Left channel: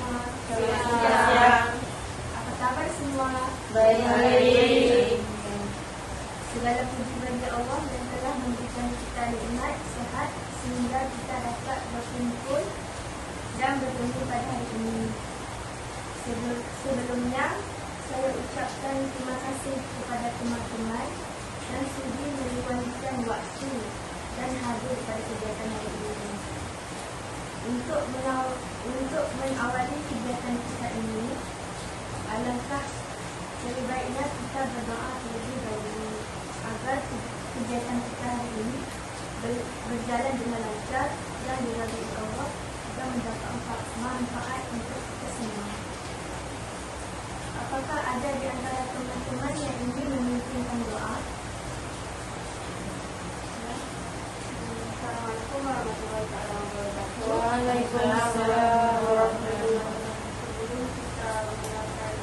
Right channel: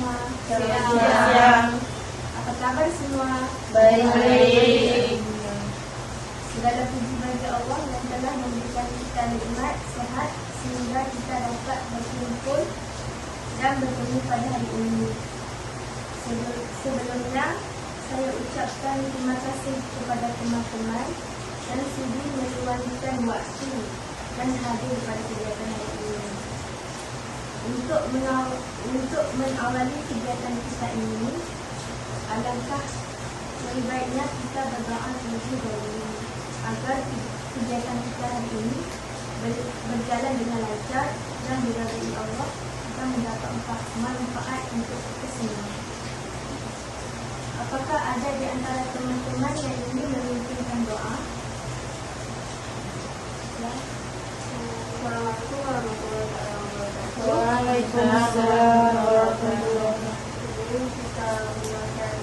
semua. Siang. Apa kabar semua? Baik. Segala puji bagi Allah yang telah memberikan kita nikmat sehat sehingga kita dapat berkumpul dan bertemu pada hari ini. Sebelumnya, saya ucapkan terima kasih kepada teman-teman yang sudi meluangkan waktu dan hadir pada kegiatan hari ini. Untuk mengawali kegiatan kita ini, alangkah lebih baiknya kita berdoa terlebih dahulu agar kegiatan kita hari ini berjalan dengan lancar dan diridai Allah dan mendapat manfaat untuk kita semua. Apakah ada di antara teman-teman yang ingin memimpinkan doa? Ya. Assalamualaikum warahmatullahi wabarakatuh. Waalaikumsalam warahmatullahi wabarakatuh. Sebelum kita meluangkan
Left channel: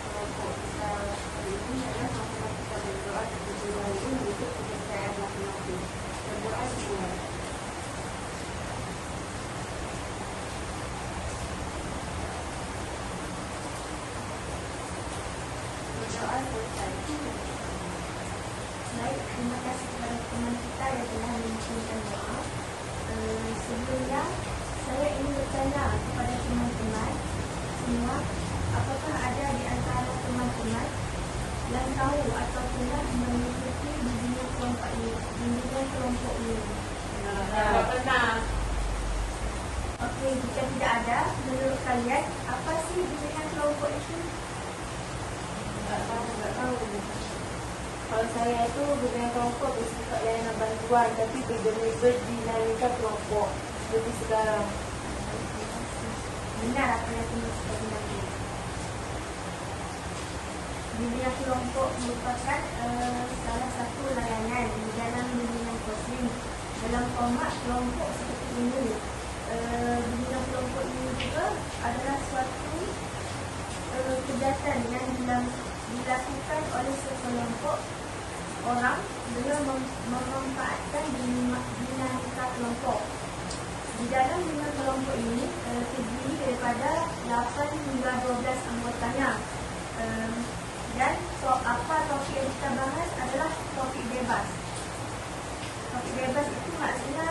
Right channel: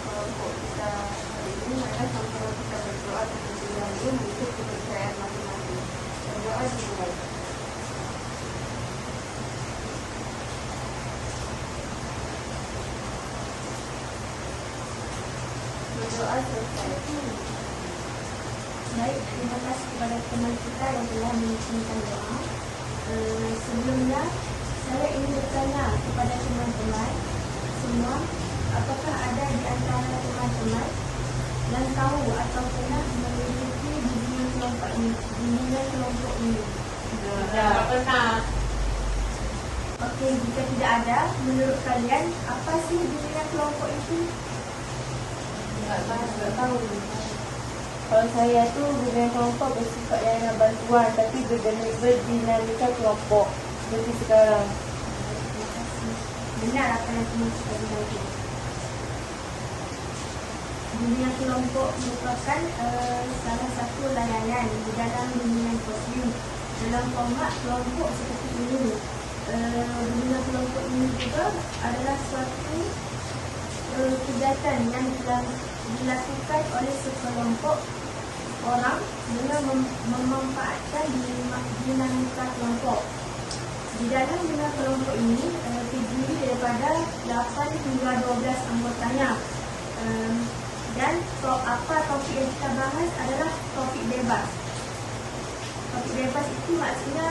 kelompok kita hari ini, maka sama-sama kita berdoa terlebih dahulu untuk kepercayaan masing-masing. Berdoa dimulai. Berdoa selesai. Baik, terima kasih kepada teman kita yang telah mengirimkan doa. Sebelumnya, saya ingin bertanya kepada teman-teman semua, apakah ada di antara teman-teman yang tahu atau pernah mengikuti bimbingan kelompok ini? Tak pernah. Okey, jika tidak ada, menurut kalian apa sih bimbingan kelompok itu? Tak tahu. Kalau saya tu bimbingan kelompok bersifat layanan bantuan tapi berdinamika kelompok seperti sekarang. Benar apa yang teman kita bilang itu. Bimbingan kelompok merupakan salah satu layanan di dalam bimbingan kosmik. Dalam format kelompok seperti ini, bimbingan kelompok ini juga adalah suatu kegiatan yang dilakukan oleh sekelompok orang dengan memanfaatkan dinamika kelompok. Di dalam bimbingan kelompok ini terdiri daripada 8 hingga 12 anggotanya. Dan apa topik yang kita bahas adalah topik bebas. Topik bebas itu maksudnya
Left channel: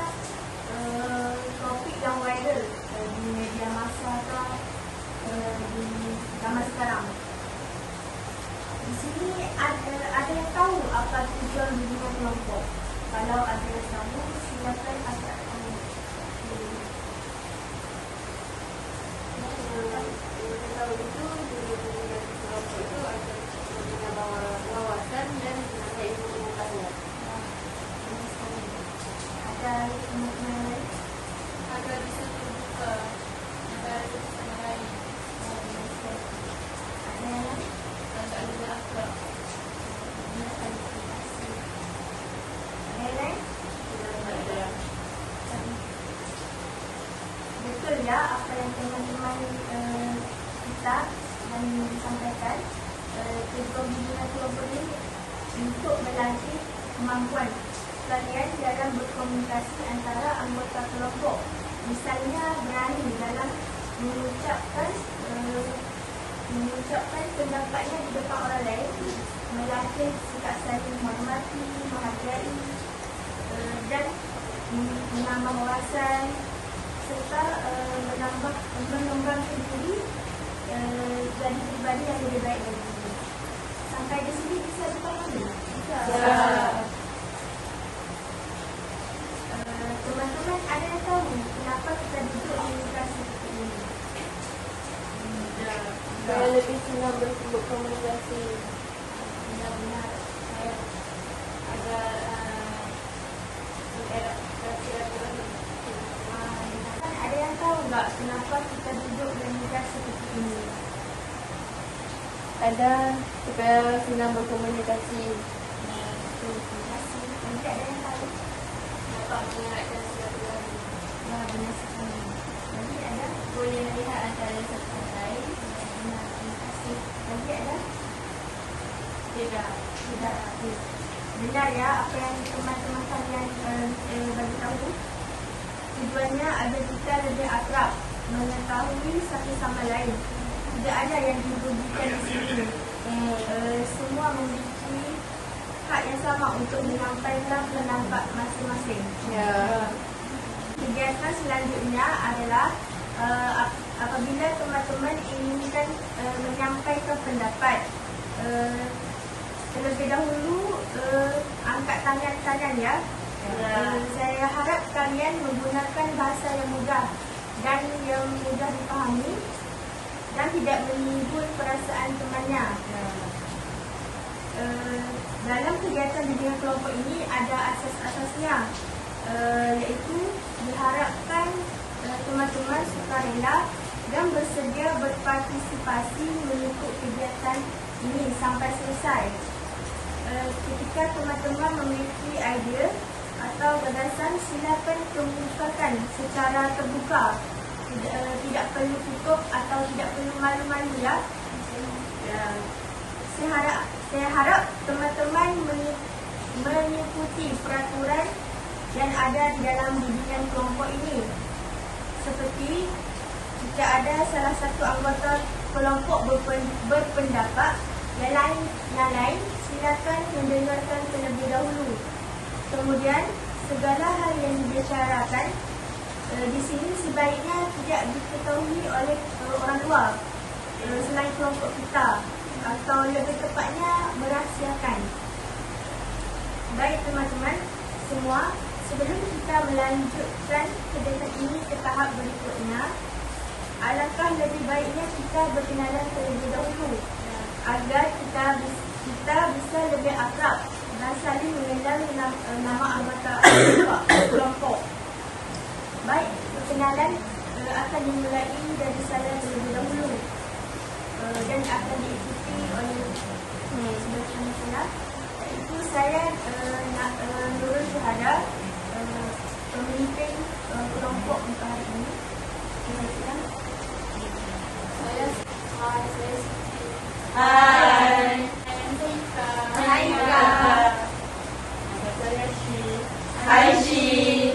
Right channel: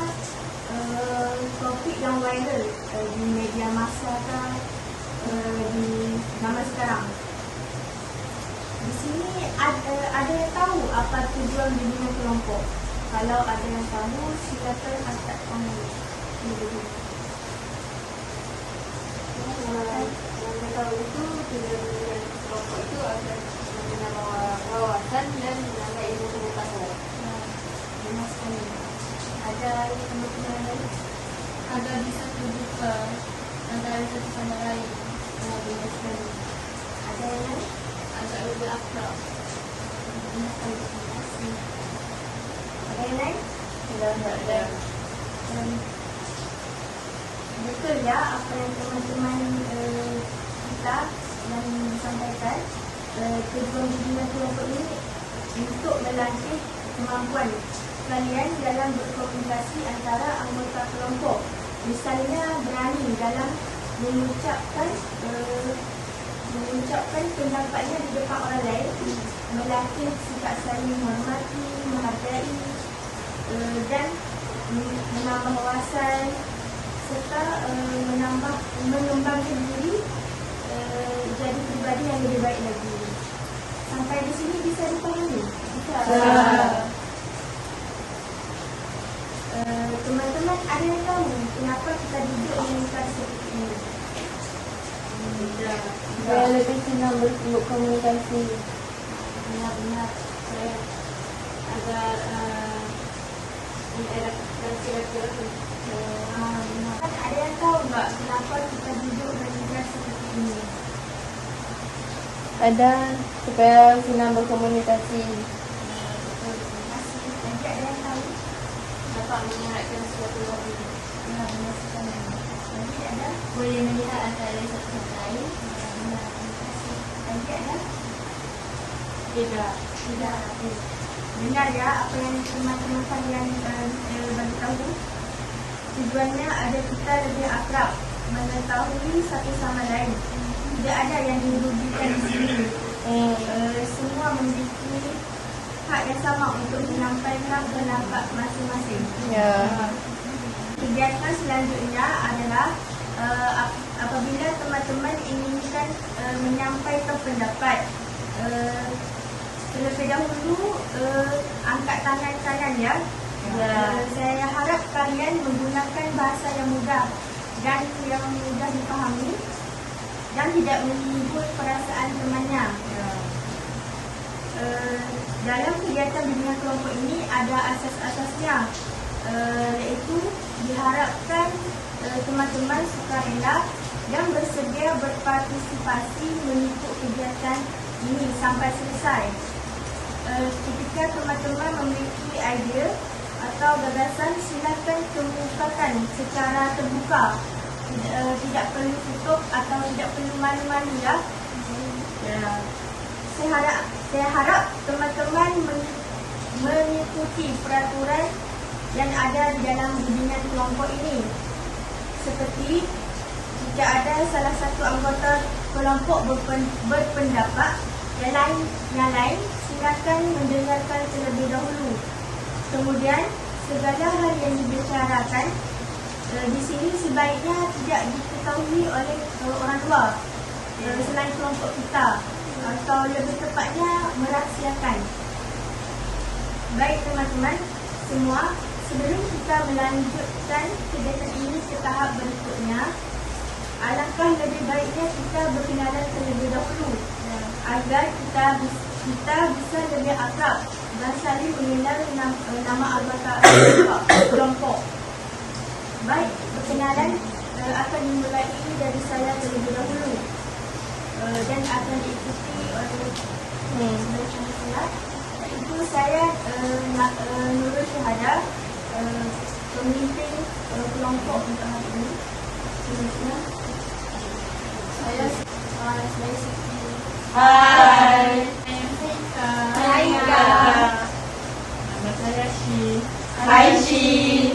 topik yang viral di media massa atau di zaman sekarang. Di sini ada yang tahu apa tujuan bimbingan kelompok? Kalau ada yang tahu, silakan angkat tangan. Kalau itu kelompok itu ada wawasan yang menambah ilmu pengetahuan. Benar sekali. Ada teman-teman yang lain? Ada bisa terbuka antara satu sama lain. Benar sekali. Ada yang lain? Agak lebih akrab. Benar sekali. Terima kasih. Ada yang lain? Tidak ada. Betul ya apa yang teman-teman kita yang disampaikan. Tujuan bimbingan kelompok ini untuk melatih kemampuan kalian dalam berkomunikasi antara anggota kelompok. Misalnya berani dalam mengucapkan pendapatnya di depan orang lain, melatih sikap saling menghormati, menghargai dan menambah wawasan serta mengembangkan diri jadi pribadi yang lebih baik lagi. Sampai di sini bisa dipahami? Ya. Teman-teman ada yang tahu kenapa kita duduk di kelas seperti ini? Saya lebih senang berkomunikasi. Benar-benar saya agak benar. Ada yang tahu tak kenapa kita duduk di kelas seperti ini? Ada supaya senang berkomunikasi. Terima kasih. Tadi ada yang tahu? Dapat mengeratkan silaturahmi. Benar sekali. Tadi ada? Boleh melihat antara satu sama lain. Benar. Terima kasih. Tadi ada? Tidak. Tidak. Benar ya apa yang teman-teman kalian bagi tahu. Tujuannya ada kita lebih akrab mengetahui satu sama lain. Tidak ada yang dirugikan di sini. Semua memiliki hak yang sama untuk menyampaikan pendapat masing-masing. Kegiatan selanjutnya adalah apabila teman-teman inginkan menyampaikan pendapat, terlebih dahulu angkat tangan kanan ya. Saya harap kalian menggunakan bahasa yang mudah dan yang mudah dipahami dan tidak menyinggung perasaan temannya. Dalam kegiatan bimbingan kelompok ini ada asas-asasnya, iaitu diharapkan teman-teman sukarela dan bersedia berpartisipasi mengikut kegiatan ini sampai selesai. Ketika teman-teman memiliki idea atau gagasan, silakan kemukakan secara terbuka. Tidak perlu tutup atau tidak perlu malu-malu ya. Saya harap teman-teman mengikuti peraturan yang ada di dalam bimbingan kelompok ini. Seperti jika ada salah satu anggota kelompok berpendapat yang lain, silakan mendengarkan terlebih dahulu. Kemudian segala hal yang dibicarakan di sini sebaiknya tidak diketahui oleh orang luar selain kelompok kita, atau lebih tepatnya merahsiakan. Baik teman-teman semua, sebelum kita melanjutkan kegiatan ini ke tahap berikutnya, alangkah lebih baiknya kita berkenalan terlebih dahulu agar kita bisa lebih akrab dan saling mengenal nama anggota kelompok. Baik, perkenalan akan dimulai dari saya terlebih dahulu dan akan diikuti oleh bersama saya, iaitu saya Nurul Syuhada, pemimpin kelompok untuk hari ini. Saya Siti. Hai. Hai Kak. Nama saya Shi. Hai Shi.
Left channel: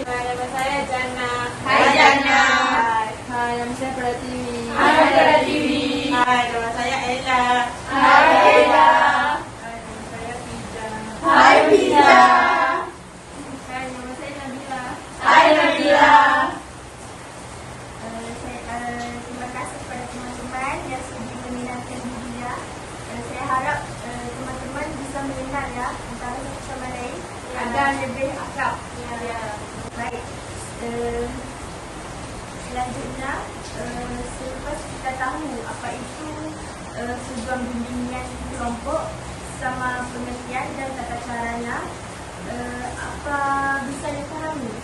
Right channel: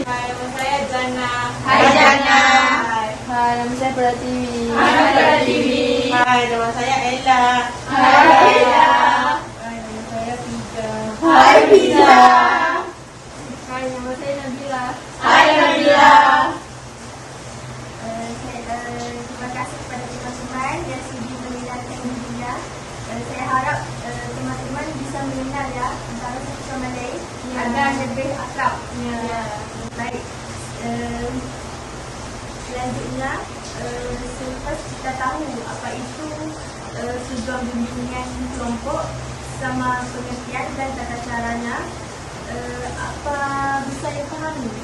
Nama saya Jana. Hai Jana. Hai, nama saya Pratiwi. Hai Pratiwi. Hai, nama saya Ella. Hai Ella. Hai, nama saya Pizza. Hai Pizza. Hai, nama saya Nabila. Hai Nabila. Terima kasih kepada teman-teman yang sudi mendengarkan dirinya. Saya harap teman-teman bisa mengenal ya antara satu sama lain agar lebih akrab. Baik. Selanjutnya, selepas kita tahu apa itu tujuan bimbingan kelompok sama pengertian dan tata caranya, apa bisa dipahami?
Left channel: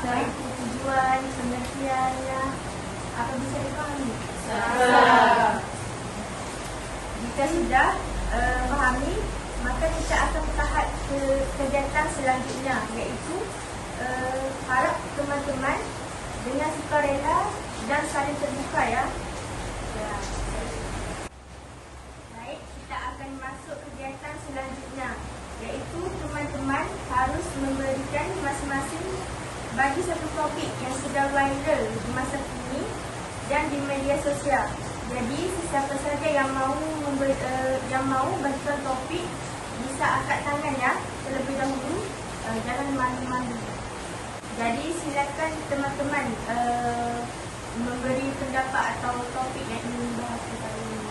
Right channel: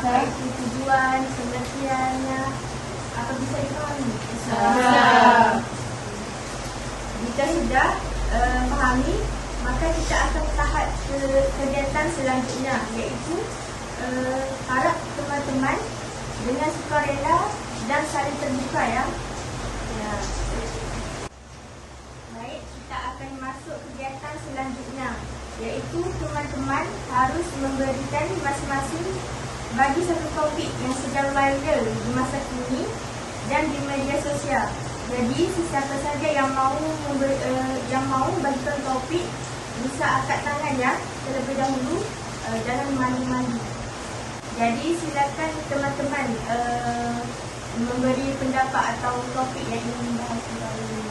Apa itu tujuan, pengertiannya, apa bisa dipahami? Jika sudah pahami, maka kita akan tahap kegiatan selanjutnya, iaitu harap teman-teman dengan sukarela dan saling terbuka ya. Baik, kita akan masuk kegiatan selanjutnya, iaitu teman-teman harus memberikan masing-masing bagi satu topik yang sedang viral di masa kini dan di media sosial. Jadi sesiapa saja yang mahu bagikan topik bisa angkat tangan ya terlebih dahulu, jangan malu-malu. Jadi silakan teman-teman memberi pendapat atau topik yang ingin bahas kali ini.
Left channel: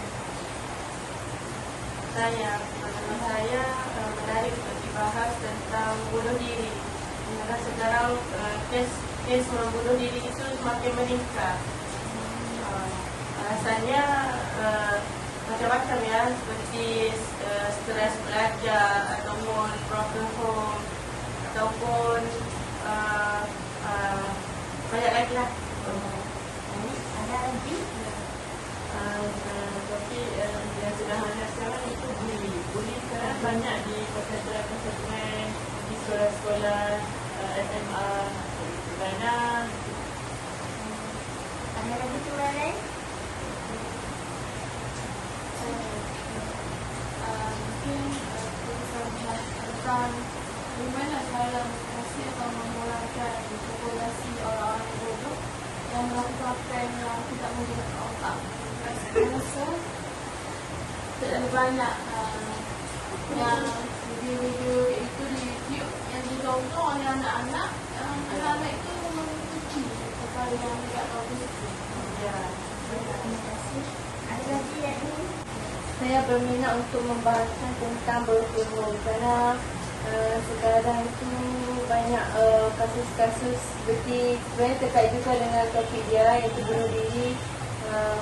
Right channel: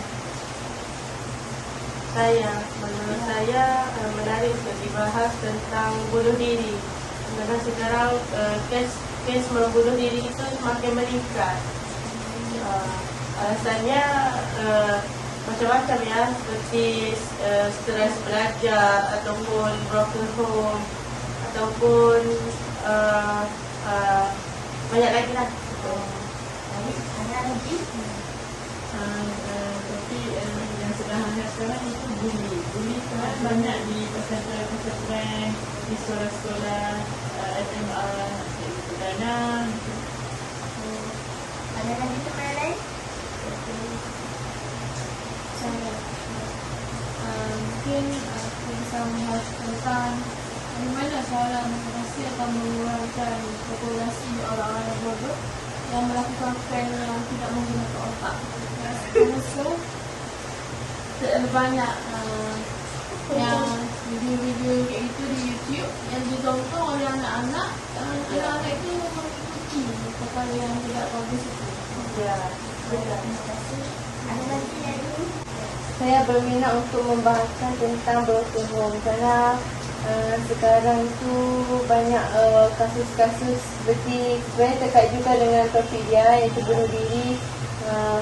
Nama saya menarik untuk dibahas tentang bunuh diri. Karena sekarang kes membunuh diri itu semakin meningkat. Alasannya macam-macam ya, seperti stres belajar ataupun broken home ataupun banyak lagi lah. Ada lagi? Tapi yang sedang hangat sekarang itu bully sangat banyak di pesantren, di sekolah-sekolah, SMA, dan Ada lagi teman lain? Mungkin kita bisa membahas tentang bagaimana cara mengatasi atau mengeluarkan populasi orang-orang yang bodoh yang melakukan prank yang terlalu banyak yang video-video itu di YouTube yang ditonton oleh anak-anak. Anak-anak itu mengikuti apa yang tidak bagus. Ya. Terima kasih. Ada lagi yang ini? Saya berminat untuk membahaskan tentang broken home kerana sekarang tu banyak kasus-kasus seperti sebenarnya terkait juga dengan topik dia iaitu bunuh diri,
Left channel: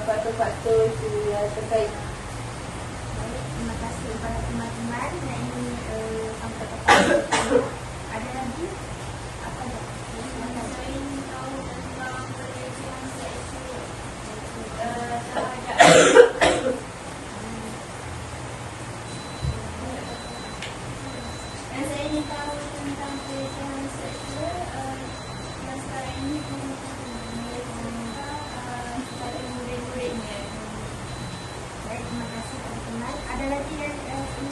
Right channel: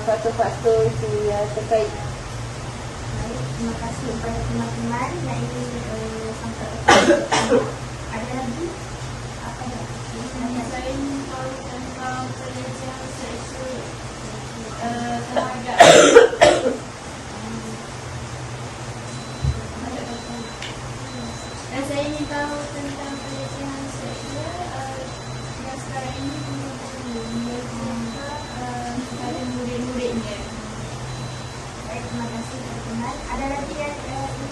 faktor-faktor itu ya terkait. Baik, terima kasih kepada teman-teman yang ingin sampaikan. Ada lagi? Apa tak? Saya ingin tahu tentang pelecehan seksual terhadap dan saya ingin tahu tentang pelecehan seksual yang sekarang ini kepada murid-murid ni. Baik, terima kasih teman-teman. Ada lagi yang ingin?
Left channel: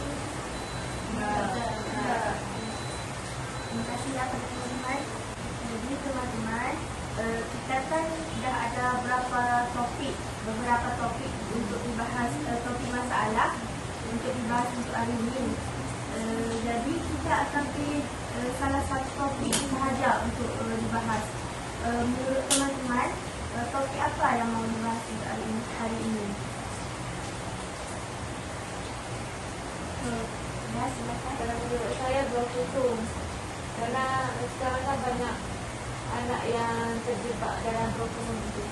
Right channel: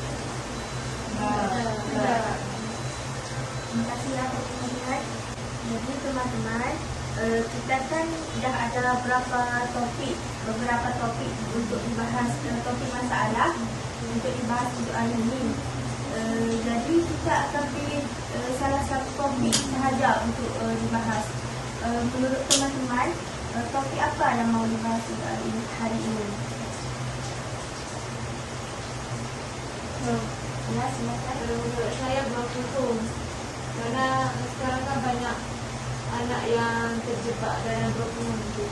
Terima kasihlah teman-teman. Jadi teman-teman, kita kan dah ada beberapa topik untuk dibahas, topik masalah untuk dibahas untuk hari ini. Jadi kita akan pilih salah satu topik sahaja untuk dibahas. Menurut teman-teman, topik apa yang mau dibahas untuk hari ini? Ya, silakan. Menurut saya broken home kerana sekarang kan banyak anak yang terjebak dalam broken home itu.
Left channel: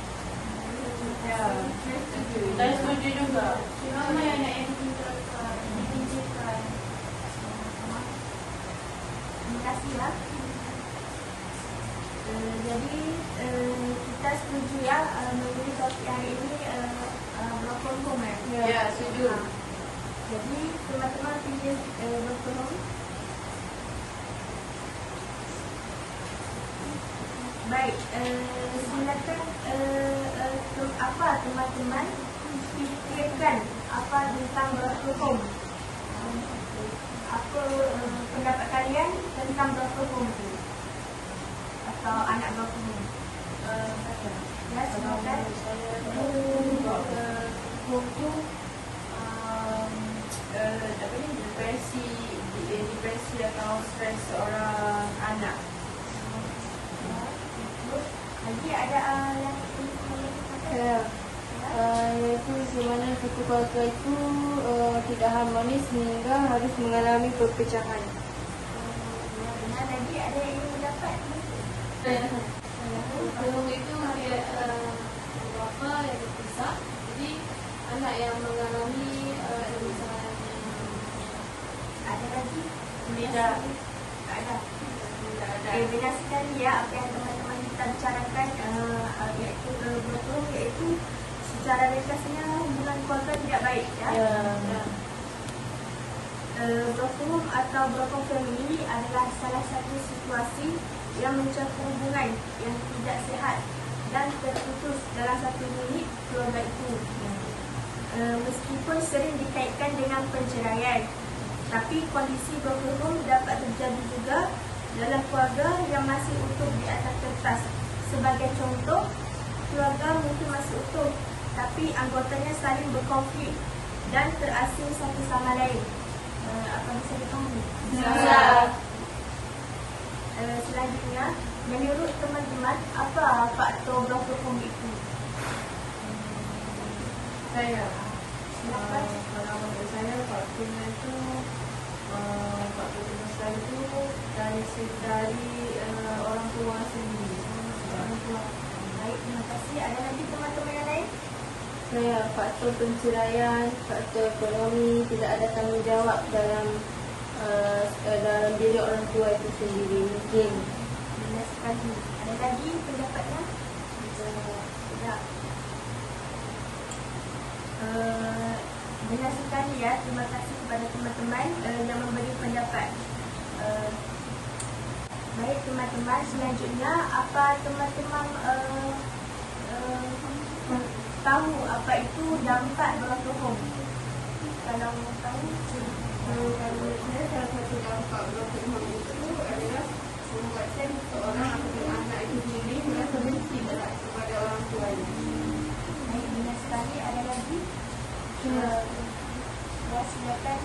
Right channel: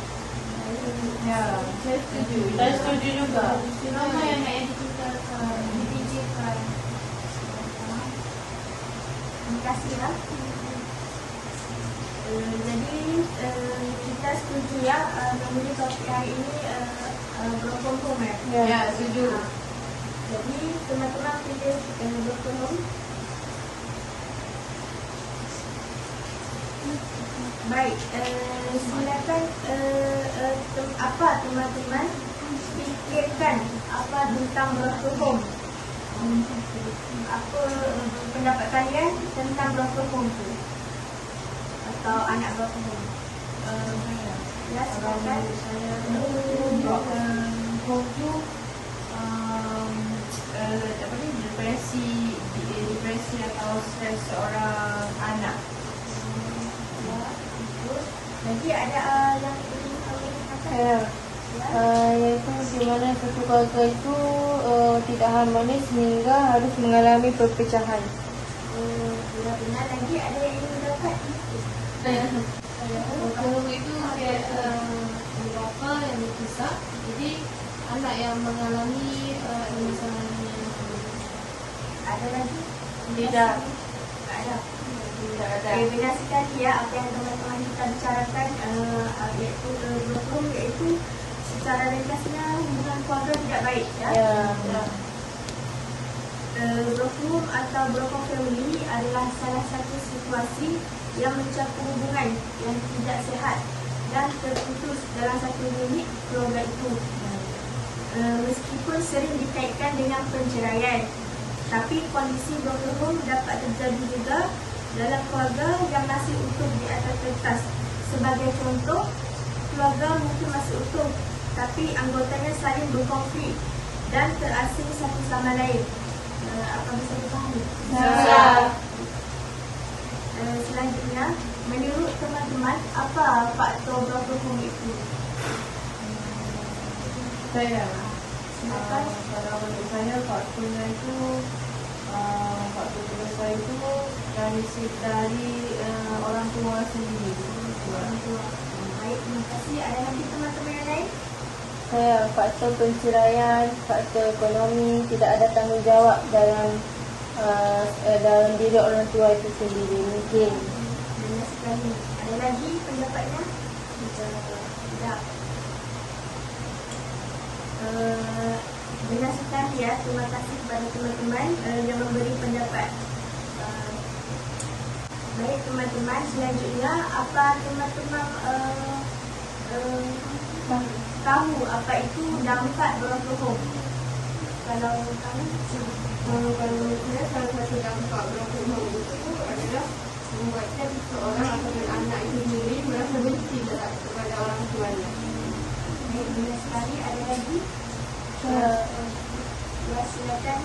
Ya, saya setuju. Saya setuju juga. Ramai anak yang dipijitkan. Terima kasihlah. Jadi kita setuju ya memilih topik hari ini broken home ya. Ya, setuju. Jadi teman-teman pilih broken home. Baik, silakan apa teman-teman fikirkan apa tentang broken home? Apa pendapat kalian tentang broken home tu? Atau anak broken home? Ya, silakan. Home tu depresi atau stres seorang anak. Nanti ada yang ingin katakan? Ya. Iaitu sebenarnya satu keluarga itu tidak harmonis sehingga harus mengalami perpecahan. Ya, benar. Lagi ada yang ingin dapat? Kalau itu beberapa yang berpisah, jadi anak yang mengalami permasalahan Ada lagi? tidak Ada. tidak ada. Okay, benar sekali ya apa yang teman-teman kita bicarakan iaitu broken, iaitu secara ringkasnya hubungan keluarga tidak baik ya. Broken home atau broken family adalah salah satu situasi yang mencakup hubungan yang tidak sihat dan terputus dalam satu unit keluarga itu. Meskipun sering dikaitkan dengan perceraian, tapi kondisi broken home dapat terjadi juga dalam keluarga yang masih utuh di atas kertas. Sebagai contoh, keluarga mungkin masih utuh, tapi anggotanya saling berkonflik dan terasing satu sama lain. Apa bisa dipahami? Ya. Selanjutnya, menurut teman-teman, apa faktor broken home itu? Saya Silakan. kalau saya faktornya itu faktor terbesar itu dari orang tua sendiri. Orang tua. Baik, terima kasih. Ada lagi teman-teman yang lain? Saya faktor perceraian, faktor ekonomi, tidak ada tanggungjawab dalam diri orang tua itu sendiri mungkin. Benar sekali. Ada lagi pendapatnya? Tidak. Benar sekali ya. Terima kasih kepada teman-teman yang memberi pendapat. Baik teman-teman, selanjutnya apa teman-teman tahu apa itu dampak broken home? Kalau tahu, Kalau menurut saya, salah satu dampak broken home itu adalah membuatkan seorang ataupun anak itu sendiri merasa benci kepada orang tuanya. baik, benar sekali. Ada lagi? Ya, silakan.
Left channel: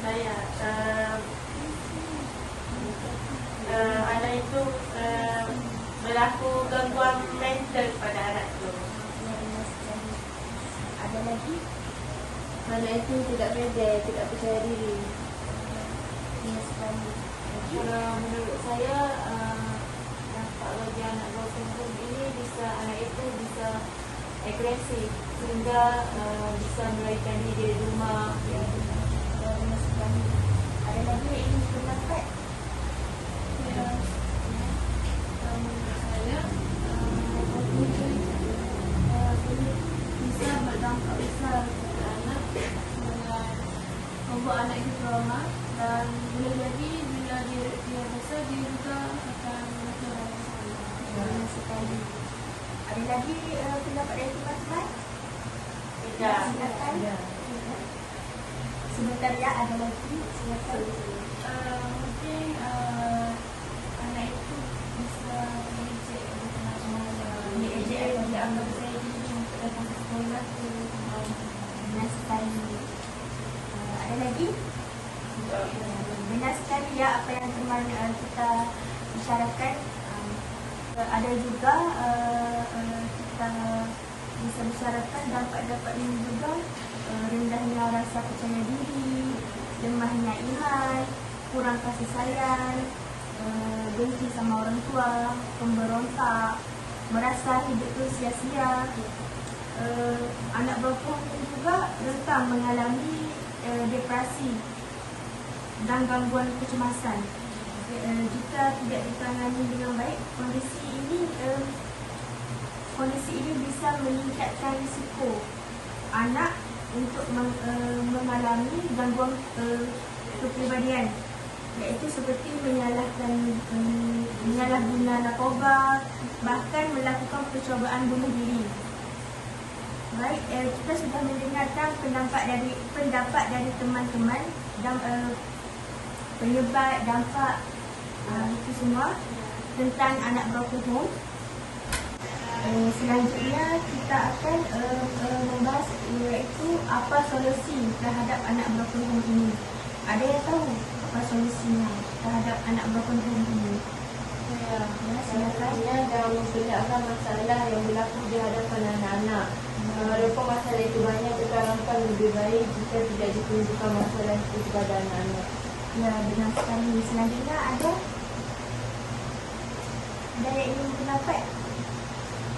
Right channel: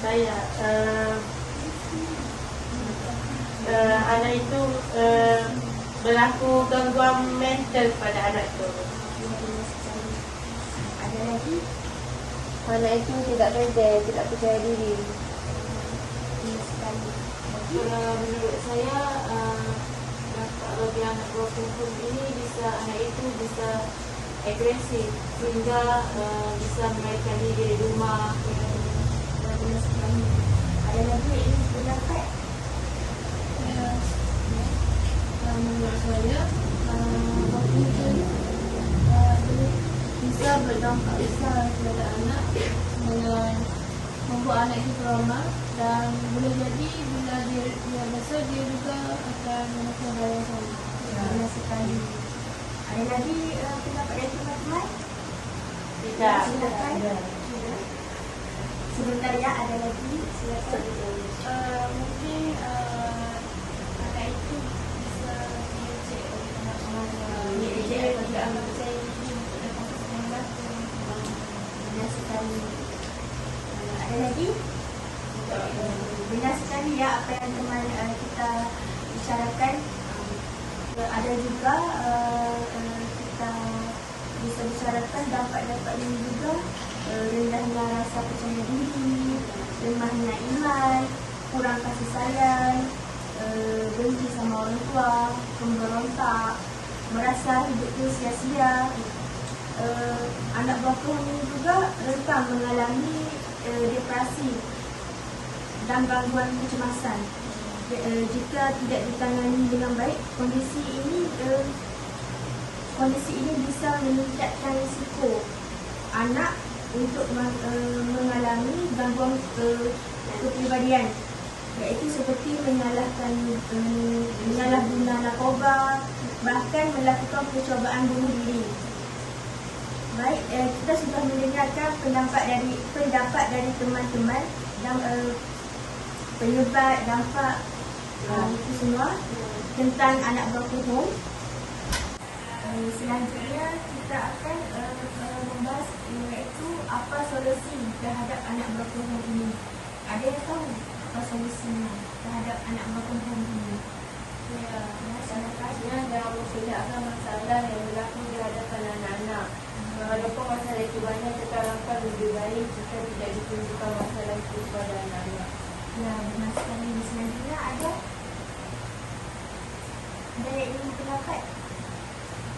Saya anak itu berlaku gangguan mental pada anak itu. Ya, benar sekali. Ada lagi? Anak itu tidak pede, tidak percaya diri. Benar sekali. Menurut saya bagi anak broken home ini anak itu bisa agresif sehingga bisa melarikan diri dari rumah. Ya, benar sekali. Ada lagi yang ingin pendapat? Menurut saya broken home ini bisa berdampak besar kepada anak dengan membuat anak itu trauma, dan boleh jadi bila dia besar dia juga akan melakukan hal yang sama. Benar sekali. Ada lagi pendapat dari teman-teman? Tidak. Silakan. Sebentar ya, ada lagi. Silakan. Mungkin anak itu bisa mengejek Mengejek pada anak saya ini datang ke sekolah. Benar sekali. Ada lagi? Benar sekali ya apa yang teman kita bicarakan. Ada juga kita bisa bicarakan dampak-dampak ini juga, rendahnya rasa percaya diri, lemahnya iman, kurang kasih sayang, dengki sama orang tua, pemberontak, merasa hidup itu sia-sia. Anak broken juga rentan mengalami depresi dan gangguan kecemasan. Jika tidak ditangani dengan baik, kondisi ini bisa meningkatkan risiko anak untuk mengalami gangguan kepribadian, iaitu seperti menyalahguna narkoba, bahkan melakukan percobaan bunuh diri. Baik, kita sudah mendengarkan pendapat dari teman-teman dan penyebab dampak itu semua tentang anak broken home. Selanjutnya kita akan membahas iaitu apa solusi terhadap anak broken home ini. Ada yang tahu apa solusinya terhadap anak broken home ini? Ya, silakan. Dalam menghilangkan masalah yang berlaku di hadapan anak-anak. Walaupun masalah itu banyak, tetapi lebih baik jika tidak ditunjukkan masalah itu kepada anak-anak. Ya, benar sekali. Selanjutnya ada yang ingin pendapat?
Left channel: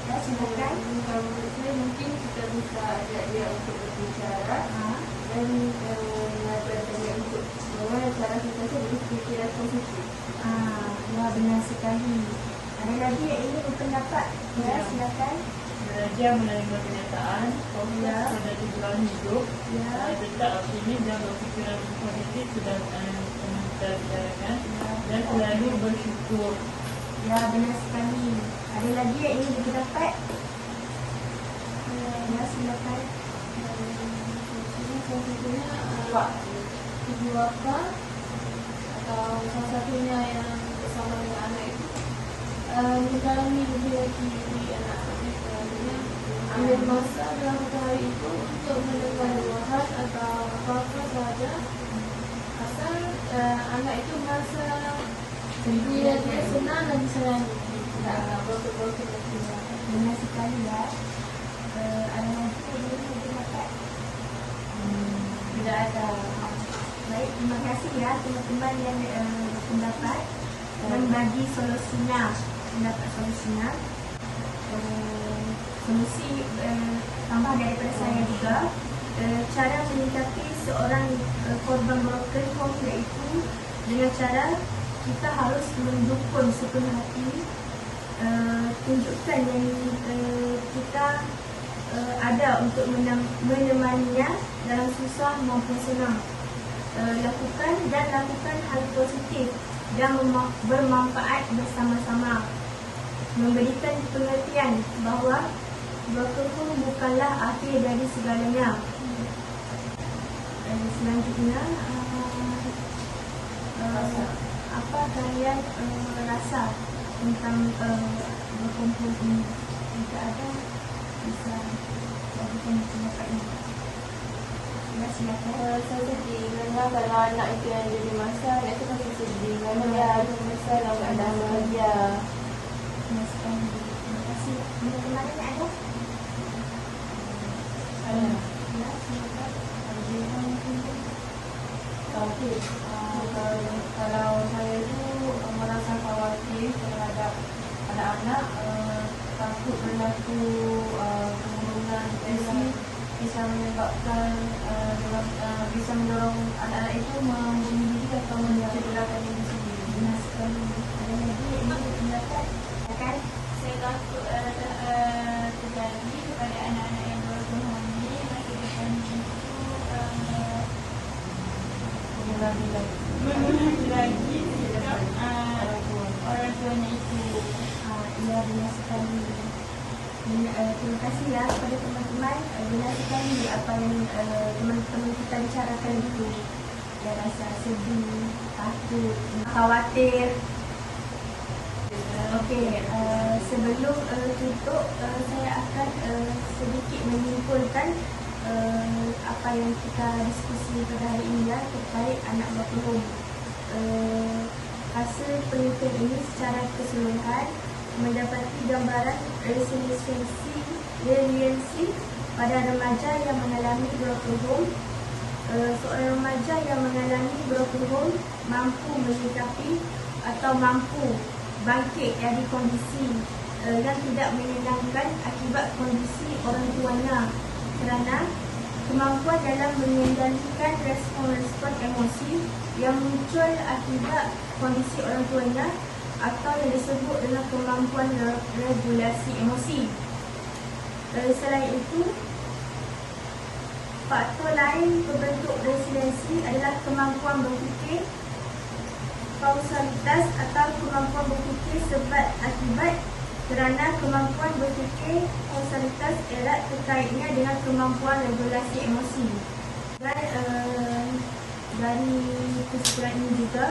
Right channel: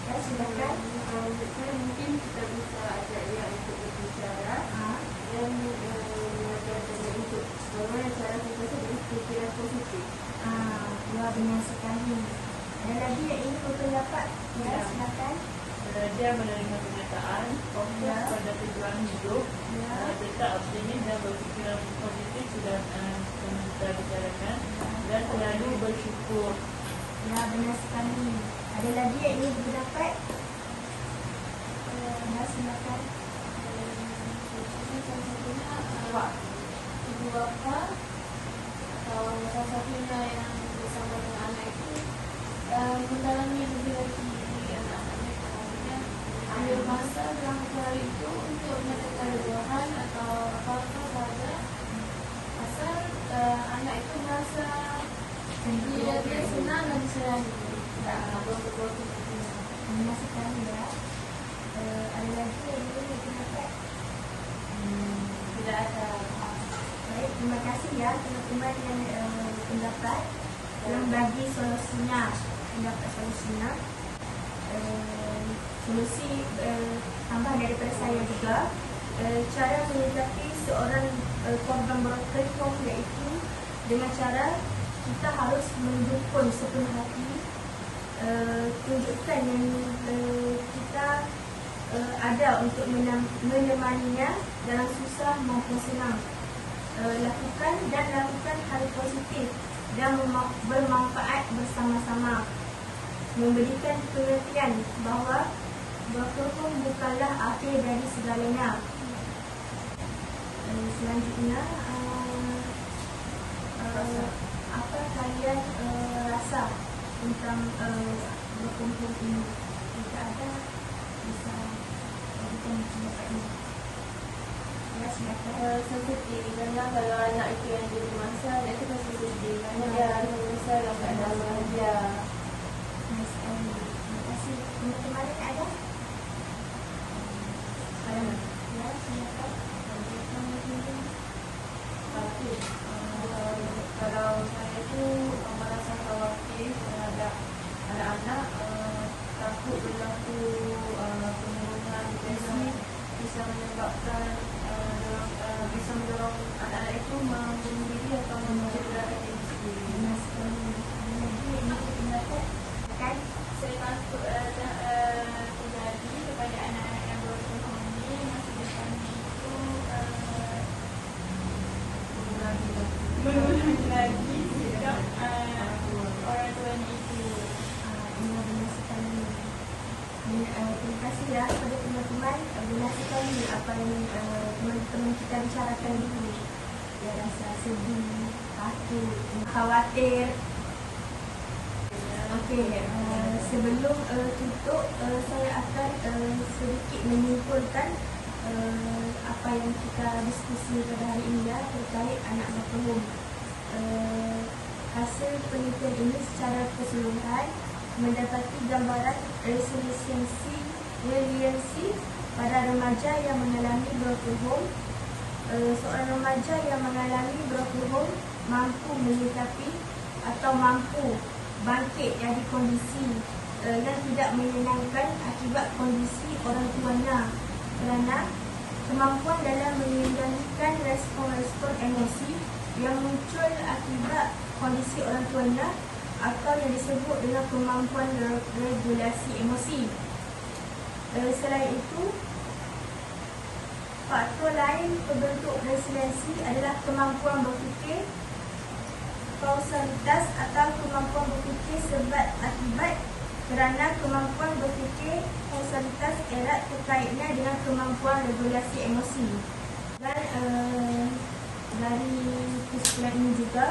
Ya, silakan. Kalau mungkin kita bisa ajak untuk berbicara dan mengatakan untuk semua cara kita itu berfikiran positif. Ya, benar sekali. Ada lagi yang ingin berpendapat? Ya, silakan. Belajar menerima kenyataan, fokus pada tujuan hidup, tetap optimis dan berfikiran positif sudah teman kita bicarakan, dan selalu bersyukur. Ya, benar sekali. Ada lagi yang ingin berpendapat? Ya, silakan. Salah satunya ibu bapa atau salah satunya yang bersama dengan anak itu mendalami lebih lagi anak-anak mereka. Ambil masa dalam perkara itu untuk mendengar doahan atau apa-apa sahaja, asal anak itu merasa dia senang dan disayangi. Betul-betul Benar sekali ya. Ada lagi yang ingin berpendapat? Tidak ada. Baik, terima kasih ya teman-teman yang berpendapat dan bagi solusinya, pendapat solusinya. Solusi tambah daripada saya juga, cara menyikapi seorang korban broken home iaitu dengan cara kita harus mendukung sepenuh hati, tunjukkan yang kita ada untuk menemaninya dalam susah maupun senang. Lakukan hal positif dan bermanfaat bersama-sama. Memberikan pengertian bahawa broken home bukanlah akhir dari segalanya. Selanjutnya, apa kalian rasa tentang broken home ini? Jika ada, bisa bagikan pendapat ini. silakan. Saya sedih karena kalau anak itu yang jadi masak, anak itu pasti sedih kerana dia harus menyesal dalam keadaan bahagia. Terima kasih. Untuk kemarin ada? Ya, silakan. Tapi kalau saya itu merasa khawatir terhadap anak-anak, takut berlaku perundungan bisa menyebabkan bisa mendorong anak-anak itu membunuh diri atau mencederai diri sendiri. Akan Saya takut terjadi kepada anak-anak yang berumur ini masa depan itu lagi sikap orang tuanya itu. ya, benar sekali. Terima kasih ya kepada teman-teman. Benar sekali apa yang teman-teman kita bicarakan itu. Ya, rasa sedih, takut, khawatir. Okey, sebelum tutup, saya akan sedikit menyimpulkan apa yang kita diskusi pada hari ini ya, terkait anak berpeluh. Hasil penelitian ini secara keseluruhan mendapati gambaran resiliensi pada remaja yang mengalami broken home. Seorang remaja yang mengalami broken home mampu menyikapi atau mampu bangkit dari kondisi yang tidak menyenangkan akibat kondisi orang tuanya, kerana kemampuan dalam mengendalikan respon-respon emosi yang muncul akibat kondisi orang tuanya atau yang disebut dengan kemampuan regulasi emosi. Selain itu, faktor lain pembentuk resiliensi adalah kemampuan berfikir kausalitas atau kemampuan berfikir sebab akibat, kerana kemampuan berfikir kausalitas erat terkaitnya dengan kemampuan regulasi emosi. Dan dari kesimpulan ini juga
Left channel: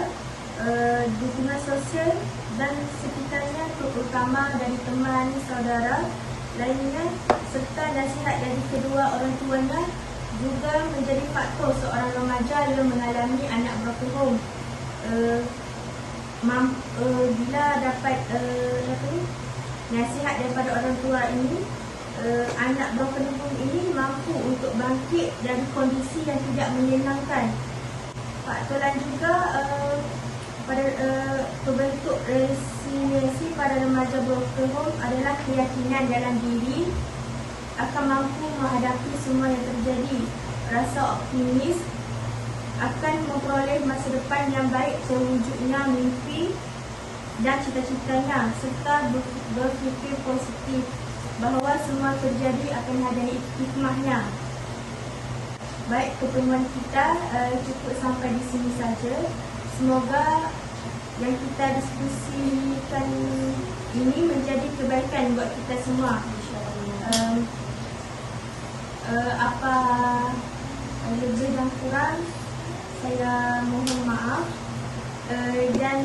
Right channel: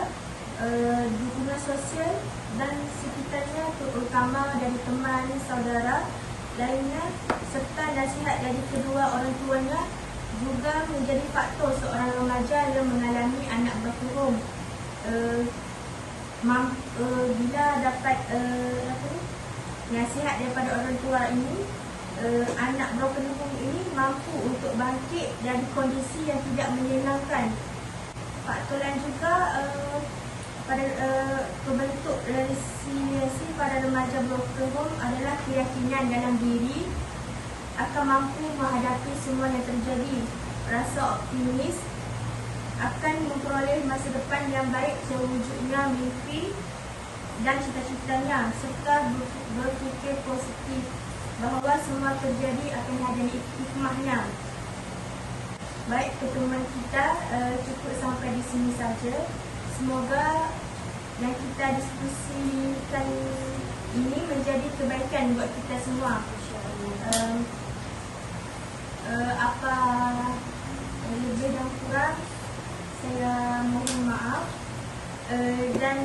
dukungan sosial dan sekitarnya, terutama dari teman, saudara lainnya serta nasihat dari kedua orang tuanya juga menjadi faktor seorang remaja yang mengalami anak broken home. Bila dapat nasihat daripada orang tua ini, anak broken home ini mampu untuk bangkit dari kondisi yang tidak menyenangkan. Faktor lain juga pada pembentuk resiliensi pada remaja broken home adalah keyakinan dalam diri akan mampu menghadapi semua yang terjadi, rasa optimis akan memperoleh masa depan yang baik terwujudnya mimpi dan cita-citanya, serta berfikir positif bahawa semua terjadi akan ada hikmahnya. Baik, pertemuan kita cukup sampai di sini saja. Semoga yang kita diskusikan ini menjadi kebaikan buat kita semua. Apa lebih dan kurang saya mohon maaf, dan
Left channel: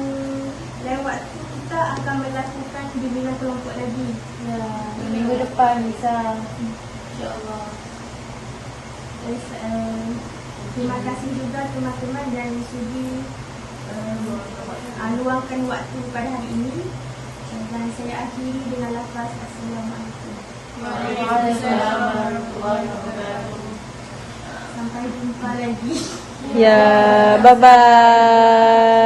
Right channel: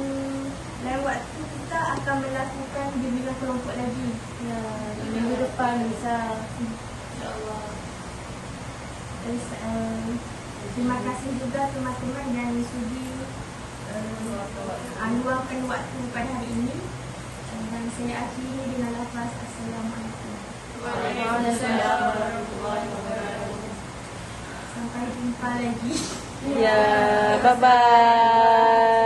lain waktu kita akan melakukan bimbingan kelompok lagi. Ya, minggu depan bisa. InsyaAllah. Terima kasih juga teman-teman yang sudi luangkan waktu pada hari ini, dan saya akhiri dengan lafaz Assalamualaikum. Waalaikumsalam warahmatullahi wabarakatuh. Sampai jumpa lagi. Ya, bye-bye.